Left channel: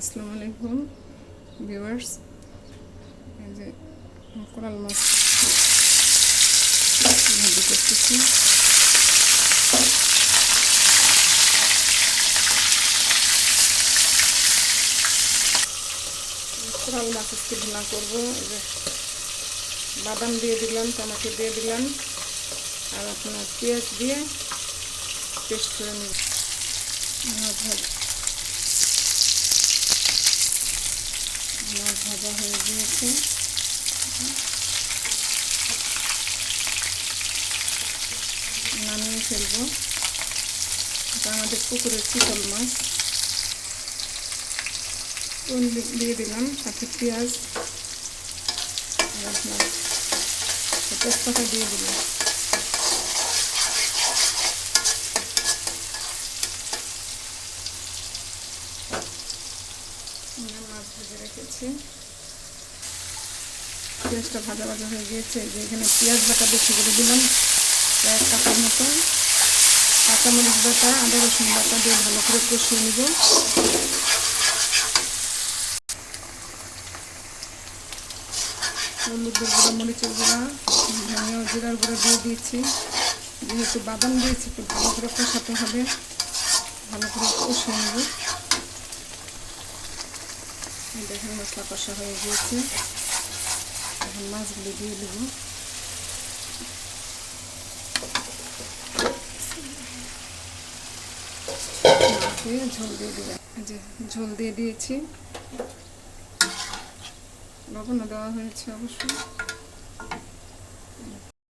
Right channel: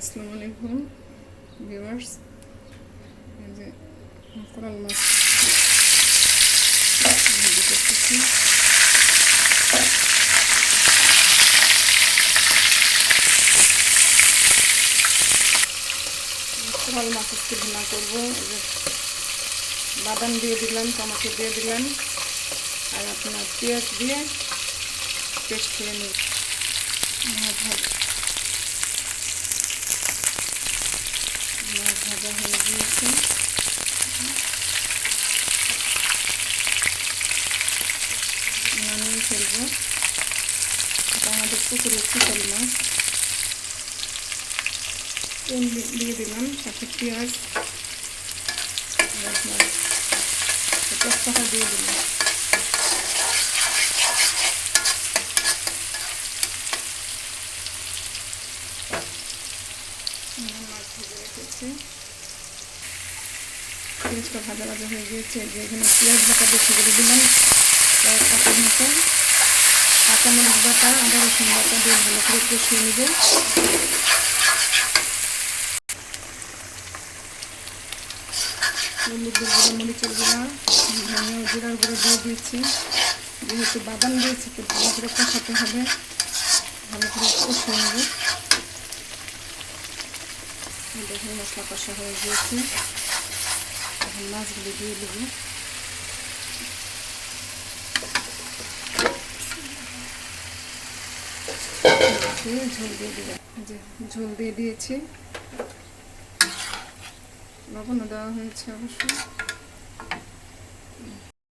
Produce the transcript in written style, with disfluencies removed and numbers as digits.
আসসালামু আলাইকুম ভিউয়ার্স। এই যে কোরাল মাছ ভাজি করতেছি। কোরাল মাছ আজকে ভুনা করবো। এই যে বাদাম দিয়ে দিলাম, টমেটো দিয়ে দিলাম, আর আপনার পেঁয়াজ দিয়ে পেস্ট করে নিব। মাছ ভাজা হয়ে গিয়েছে। নামিয়ে ফেলবো। এটা আমাদের পুকুরের চিতল মাছ। চুন দিয়ে দিলাম, সাথে পেঁয়াজ আর আপনার তেজপাতা দিয়ে দিলাম। মাছ ভেজে রেখেছি। পেঁয়াজটা ভাজা ভাজা হয়ে গিয়েছে। যে এখানে পেঁয়াজ বাটা বেশি করে দিলাম, কয়েক কাপের মতো। কাঁচামরিচ বাটা, আদা রসুন বাটা দিয়ে ভালো করে কষিয়ে নেব। হলুদের গুঁড়া, মরিচের গুঁড়া, ধনিয়া ও জিরার গুঁড়া দিয়ে দিয়েছি। যেহেতু বাদাম দিয়েছি, একটু ভালো করে কষাতে হবে। ভালো করে কষিয়ে নেব। দেখুন মশলা কষা হয়ে গিয়েছে। এখন মাছগুলো দিয়ে দেব। ঝোল দিয়ে দিলাম। যে ঝোল দিয়ে দিয়েছি, লবণও দেওয়া হয়েছে অবশ্যই।